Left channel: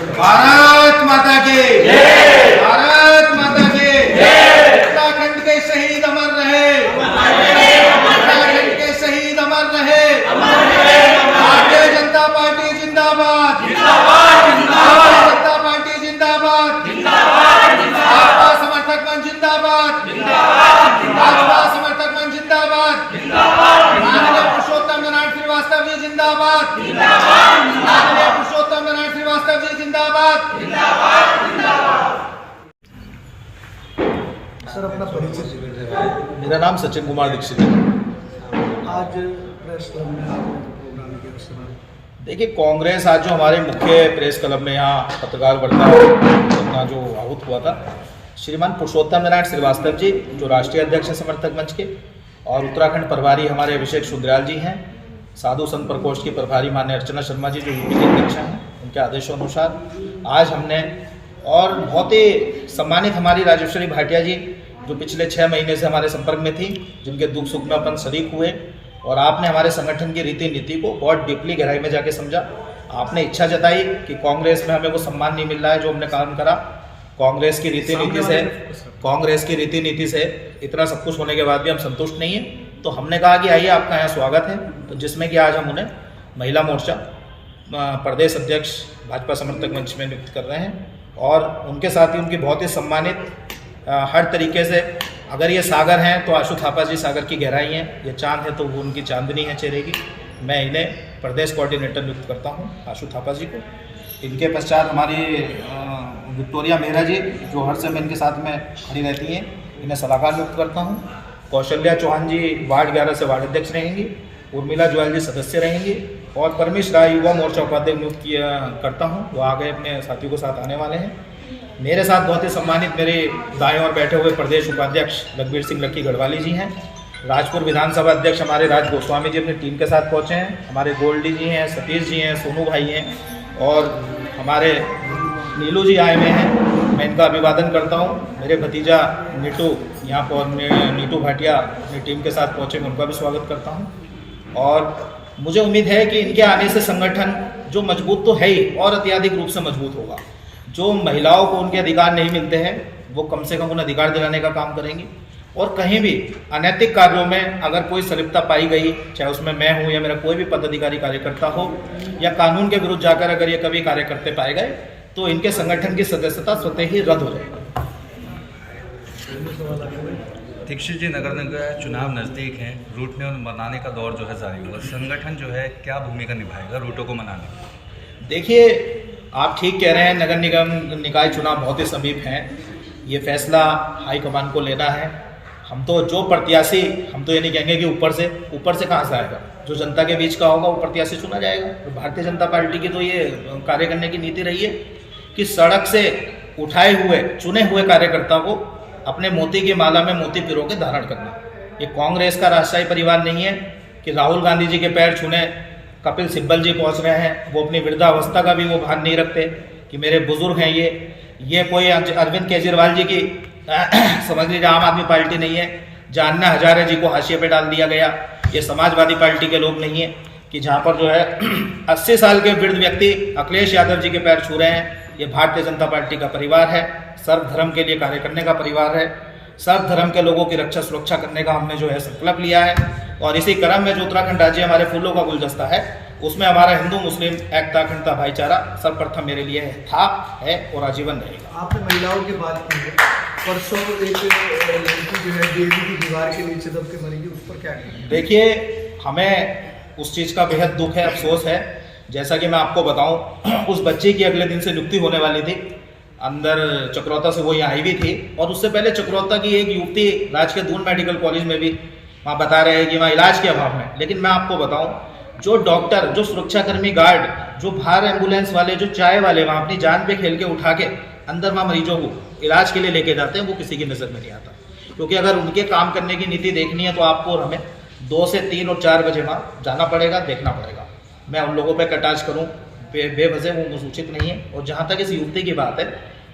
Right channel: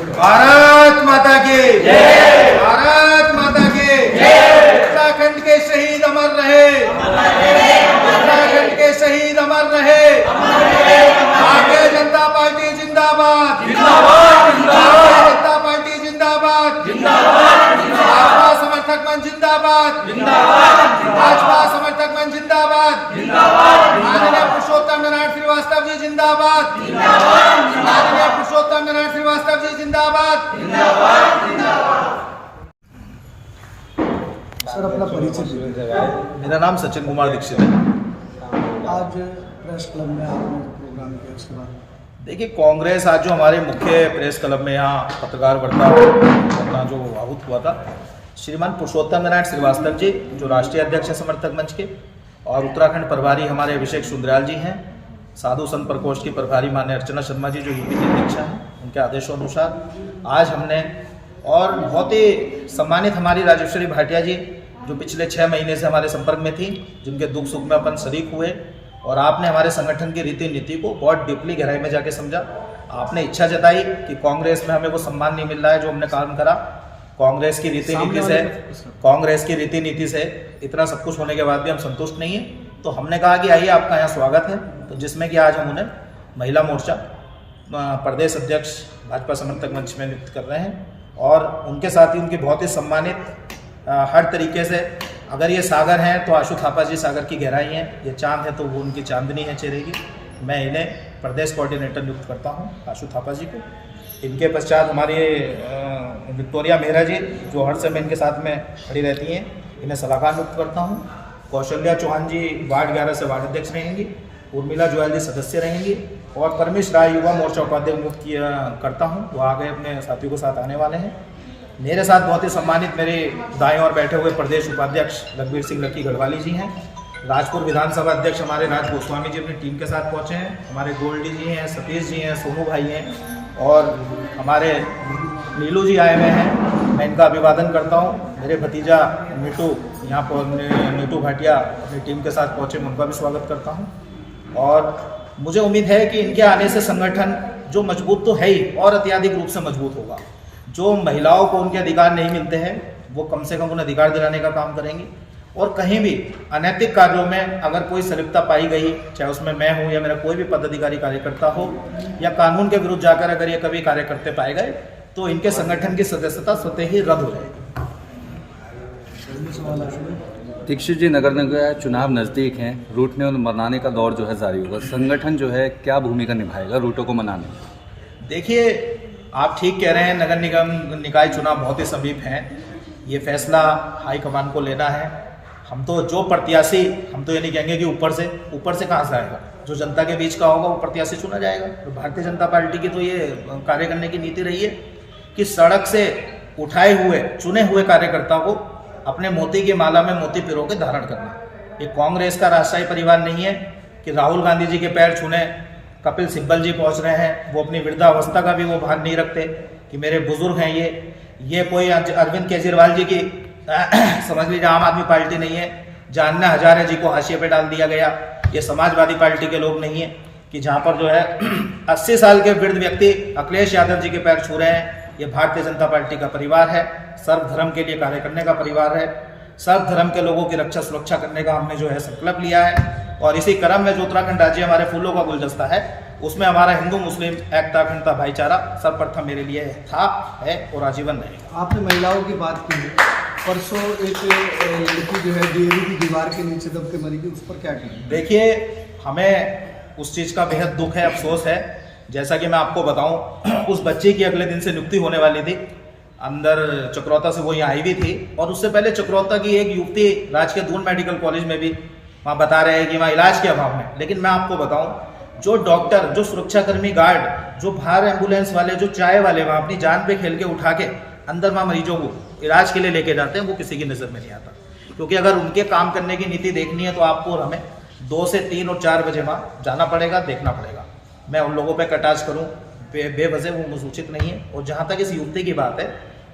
भारत माता की जय, भारत माता की जय। उत्तराखंड के शहीद अमर रहे, उत्तराखंड के शहीद अमर रहे। भारतीय जनता पार्टी जिंदाबाद, भारतीय जनता पार्टी जिंदाबाद, भाजपा समर्थक मंच जिंदाबाद, भाजपा समर्थक मंच जिंदाबाद, माननीय पुरुषोत्तम नारायण श्रीवास्तव जी जिंदाबाद, माननीय पुरुषोत्तम नारायण श्रीवास्तव जी जिंदाबाद। सर अपना परिचय दीजिए। मेरा नाम सचिन कुमार दीक्षित है। आज प्रेस क्लब में आपने प्रोग्राम किया, उसके बाद देखिए, कांग्रेस आज जो हमारे मुख्य प्रेस क्लब में यहाँ पत्रकार वार्ता अपना जो आहूत हुआ था, श्रीमान पुरुषोत्तम नारायण श्रीवास्तव जी जो राष्ट्रीय अध्यक्ष है समर्थक मंच के, और उत्तराखंड प्रभारी हमारे अभिषेक सुंदरयाल जी हैं, साधु संत प्रकोष्ठ की प्रभारी मान्य अर्चना शर्मा जी जो यूपी के अध्यक्ष हैं, उनके आदेशों अनुसार आज हमने, और बहुत ही सम्मानित हमारी राजेश्वरी भाटिया जी जो पिछले 6 महीने से हमारे संपर्क में थी, जिनके दुख सुख में अपन शरीक हुए, और आपने हमारे संगठन की रीति नीति को बहुत डीपली गहराई में जाके समझा। आपने इच्छा जताई कि कांग्रेस में हमें वो सम्मान नहीं मिल रहा है जो हमने काम करा। कांग्रेस की रीति नीति से इतना सब कुछ होने के बाद भी हम संतुष्ट नहीं हैं, तो हमने कहा कि आइए आपका यहाँ स्वागत है। तो जिसमें कि आज हम उन्हें महिला मोर्चा प्रदेश अध्यक्ष भाजपा समर्थक मंच में नियुक्त कर रहे हैं, और उनके साथ ही उनकी बहुत ही सम्मानित हर तरीके से, अगर ये सागर हैं तो आशु थापा जी सागर की गहराई हैं, ये चांद है तो वो उनकी चांदनी है चेहरे की। मैं इन्हें प्रदेश कोऑर्डिनेटर नियुक्त करता हूँ, आशु थापा जी को। इनके पश्चात हमारी विक्टोरिया मेहरा जी जो हर समय इनके साथ में खड़ी रहती हैं, इन्हें सलाहकार नियुक्त करता हूँ। कौशल्या चौहान जी वार्ड 11 से वार्ड अध्यक्ष रहेंगी, उर्मिला जोयल जी सदस्य रहेंगी, और परमेश राय युवा मोर्चा उपाध्यक्ष नियुक्त करता हूँ। वो आगे अपने साथियों के साथ आने वाले हैं। मेरे साथ बहुत ही सम्मानित मेरे दाएं ओर बैठे हुए प्रदेश उपाध्यक्ष रघुवीर सिंह लक्की गढ़वाली जी हैं। राजपुर विधानसभा अध्यक्ष हमारे राज गोस्वामी जी अपनी टीम के साथ पहुँचे हैं। हमारे गोल्डी जी हैं, सतीश जी हैं, सोनू भाई हैं, और हमारे नीलू जी आए हुए हैं। मैं इनका अभिवादन करता हूँ। मेरे भतीजा नीटू यहाँ पर नीटू भाटिया अपनी टीम के साथ पहुँचे, मैं उनका भी स्वागत करता हूँ। और मुझे उम्मीद है कि इनके आने से संगठन जो मजबूत तो है ही, और अत्यधिक रूप से मजबूत होगा। जो महिलाओं को उनके अधिकार नहीं मिलते हैं वो कम से कम उन्हें अधिकार दिलाने का काम करेंगी, और कहीं भी अनैतिक कार्यों में अगर कोई संलिप्तता पाई गई, चाहे उसमें मैं हूँ या मेरा कोई भी पदाधिकारी कार्यकर्ता हो, या कानून के विरुद्ध जाकर अगर ये कभी कार्य करते पाए गए, तो इनके संगठन की सदस्यता स्वतः ही रद्द हो जाएगी। दीक्षित जी, नगर निकाय चुनाव नज़दीक हैं, रूटने और मनाने का दौर जो है जारी होगा। संगठन जो है क्या भूमिका निभाएगा रूटों को मनाने में? देखिए, आप ठीक कह रहे हैं, नगर निगम निकाय चुनाव बहुत ही समीप हैं। ये फैसला हाईकमान को लेना है। हम तो जो प्रत्याशी, हम तो ये नहीं कहेंगे कि ऊपर से कहाँ से आएगा, जो जनता के बीच का होगा वो प्रत्याशी चुना जाएगा। तो भारतीय जनता पार्टी की तो ये कार्य करने की नीति रही है कि सड़क से उठाए हुए चुने हुए कार्यकर्ता को अपने मोती की माला में मोती पिरो के धारण करना। ये कांग्रेस का राष्ट्रीय परिवार नहीं है कि राहुल गांधी जी के पैर छूने कपिल सिब्बल जी पहुंच रहे हैं। वो अपनी वृद्धावस्था का भी वो भान नहीं रखते कि मेरे बुजुर्ग हैं ये कोई अरविंद केजरीवाल जी की समझ लीजिए आम आदमी पार्टी नहीं है। जहाँ हजारे जी को हाशिए पे डाल दिया गया, ये समाजवादी पार्टी के लोग नहीं है कि जहाँ पर जो है 80 साल के वृद्ध व्यक्ति अखिलेश यादव जी के पैर छू रहे हैं। ये भारतीय जनता पार्टी का परिवार है, सर्वधर्म के लिए कार्य करने का परिवार है। सर्वधर्म के लोगों की रक्षा सुरक्षा करने का हमने जो है संकल्प लिया है, और इसी क्रम में जो उत्तराखंड राज्य हमारे फूलों का गुलदस्ता है, उसमें हमारा हिंदू मुस्लिम एकता अखंडता भाईचारा सर्वप्रथम मेरे लिए था, है और आजीवन रहेगा। आपने महिलाओं की बात की है, परसों एक लड़की जो है डीएवी की दीवार के नीचे दब के मरी, उस पर क्या कहेंगे? देखिए, हमें उस चीज़ का बेहद दुख है, अफसोस है। जैसा कि मैं आपको बताऊं, उस बच्ची की अगले दिन से नियुक्ति होने वाली थी। अंदर चक्रौता से वो यहाँ आई भी थी, और उससे पहले चक्रौता की एक युवती राजकीय दून मेडिकल कॉलेज में भी वहाँ बता रहे हैं कि वहाँ इलाज के अभाव में। लेकिन मैं आपको बताऊं, जो डॉक्टर, जो सुरक्षाकर्मी, गार्ड, जो बाहर एम्बुलेंस वाले, जो चाय वाले वहाँ अपनी जान पे खेल के उठा के अंदर वहाँ मरीजों को इलाज के लिए लेके जाते हैं, वो किसी की नज़र में नहीं आता। क्योंकि अगर उनके काम करने की नीति देखनी है तो आपको और हमें 2 से 3 और 4 बजे वहाँ जाना पड़ेगा, देखना पड़ेगा। मैं उन लोगों पर कटाक्ष करूँ बेवजह वो उचित नहीं है। और जहाँ तक इस युवती की बात है,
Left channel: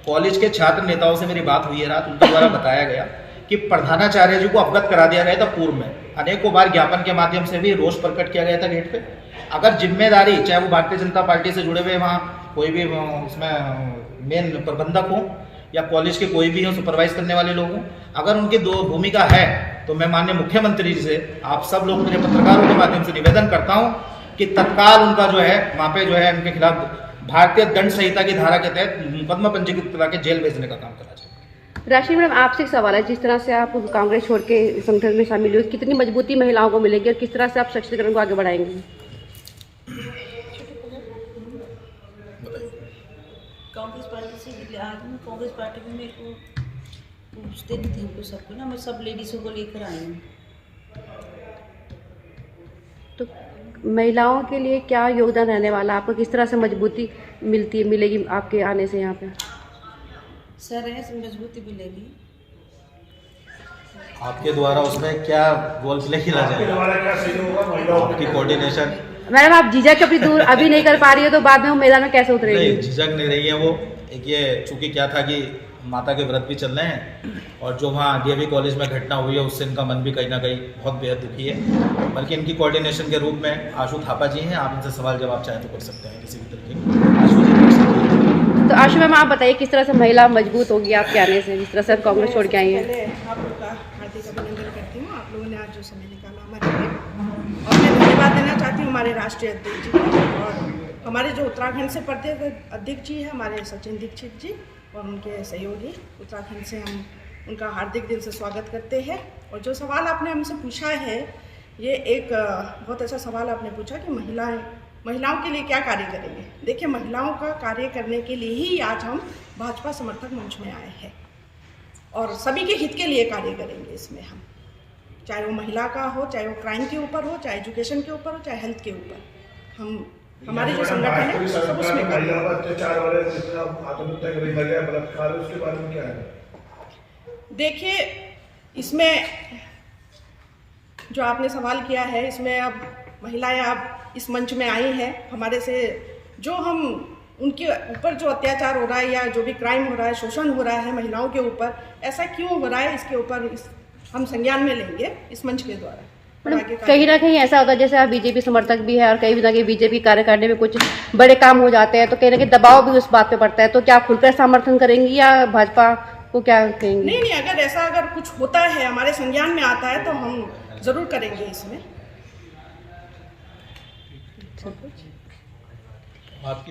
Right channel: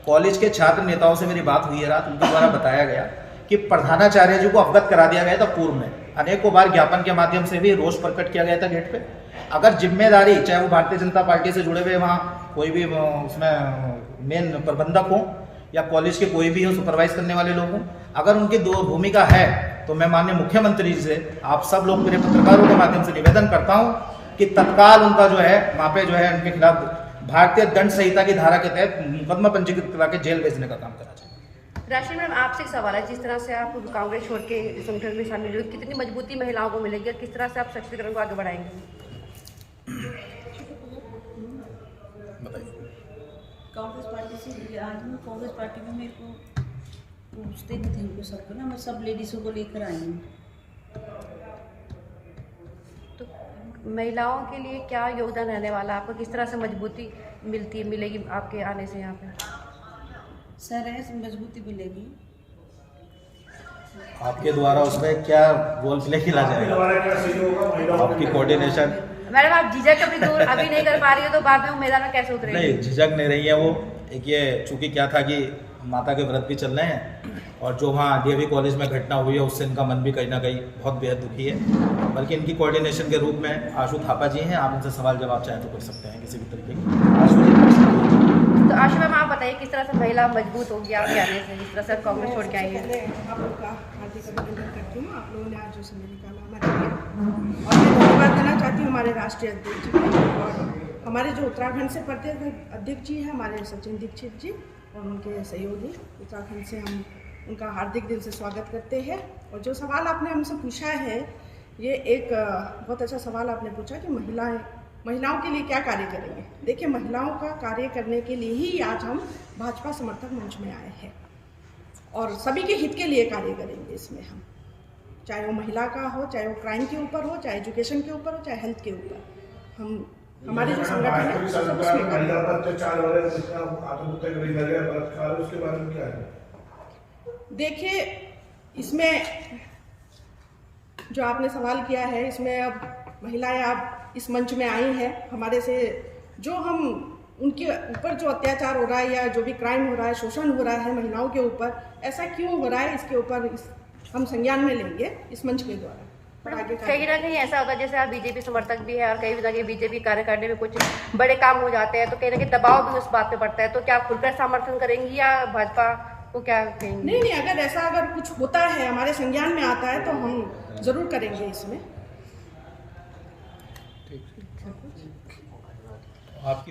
कॉलेज के छात्र नेताओं से मेरी बात हुई है रात, उनके द्वारा बताया गया कि प्रधानाचार्य जी को अवगत करा दिया गया था पूर्व में, अनेकों बार ज्ञापन के माध्यम से भी रोष प्रकट किया गया था गेट पे। अगर जिम्मेदारी, चाहे वो भारतीय जनता पार्टी से जुड़े हुए वहाँ कोई भी उसमें मेन प्रबंधक हो या कॉलेज के कोई भी हो, सुपरवाइज करने वाले लोग हों, अगर उनकी दो भूमिका है तो मैं माननीय मुख्यमंत्री जी से, आप सब लोग मेरे पत्रकारों के माध्यम से निवेदन करता हूं कि तत्काल उनका जो है वहाँ पे जो है उनके खिलाफ भारतीय दंड संहिता की धारा के तहत मुकदमा पंजीकृत करा के जेल भेजने का काम करा जाए। राशि मैडम, आपसे एक सवाल है, जिस तरह से आप कांग्रेस छोड़ के संगठन में शामिल हुए, कितनी मजबूती महिलाओं को मिलेगी और किस तरह से आप सशक्तिकरण को आगे बढ़ाएंगे? कांग्रेस पार्टी से आज मैं कांग्रेस पार्टी में मेरे को पूछते नहीं थे हमको सबको ना, मैं सब लेडीज़ों को लेकर आई हूँ। तो महिलाओं के लिए क्या योगदान रहने वाला, आपको किस तरह से मजबूती मिलेगी आपके आने से यहाँ पे? सर है मजबूती मिलेगी। आपके द्वारा उसमें क्या गोल प्ले खेला जाएगा, आपकी कोऑर्डिनेशन? मैडम, आप झिझक अपनी दूर अभी नहीं कर पा रही हो तो बाद में वो मैदान में कैसे उतरेगी? नहीं, झिझक नहीं रही है वो। एक ये चूंकि क्या था कि माता के व्रत भी चल रहे हैं और जो वहाँ डीएवी कॉलेज में घटना हुई है उससे इनका मन भी कहीं ना कहीं बहुत बेहद दुखी है। बल्कि इनकी कोऑर्डिनेशन के रूप में आशु थापा जी हैं, आप इनसे सवाल जवाब चाहें तो कर सकते हैं किसी भी तरीके के। आशु जी कर सकते हैं। तो आशु मैम, आप बताइए किस तरह से महिला मजबूत होगी आपके आने से, जिस तरह से आप कांग्रेस छोड़ के आई हैं? पहले आप लोग का हार्दिक अभिनंदन करती हूँ, आप लोगों ने आज जो समय निकाला हमारे लिए, और मैं धन्यवाद देना चाहती हूँ हमारे राष्ट्रीय अध्यक्ष जी को, और हमारे जो उत्तराखंड से प्रदेश अध्यक्ष जी हैं हमारे सचिन दीक्षित जी और उनके सहयोगी उत्तराखंड से, हम उनका हार्दिक दिल से स्वागत करते हैं। और जो सवाल आपने हमसे पूछा है, ये एक बहुत अच्छा सवाल आपने पूछा कि महिलाओं के लिए क्या कार्य करेंगे। देखिए, महिलाओं का कार्य करने के लिए ही आज हम भाजपा समर्थक मंच में आए हैं और सभी के हित के लिए कार्य करेंगे इसमें हम, चाहे वो महिला का हो, चाहे वो क्राइम के ऊपर हो, चाहे एजुकेशन के ऊपर हो, चाहे हेल्थ के ऊपर, हम हमारे जो संगठन है सब उसमें कार्य। देखिए, इसमें जो आपने सवाल किया है, इसमें अब महिलाएं अब इस मंच में आई हैं हमारे से, जो हम उनके ऊपर जो अत्याचार हो रहा है या जो भी क्राइम हो रहा है, शोषण हो रहा है महिलाओं के ऊपर, ऐसा क्यों हो रहा है, इसके ऊपर हम संज्ञान में लेंगे इस मंच के द्वारा। कहीं ना कहीं ऐसा होता है जैसे आप बीजेपी समर्थक भी है और कहीं ना कहीं बीजेपी कार्यकारिणी में कुछ बड़े काम हो जाते हैं तो कहीं ना कहीं दबाव भी उस बात पे पड़ता है, तो क्या खुलकर समर्थन करेंगी या भाजपा को क्या कहेंगे? नहीं, अगर कुछ होता है हमारे संज्ञान में आता है तो हम जरूर करेंगे इसमें। आपकी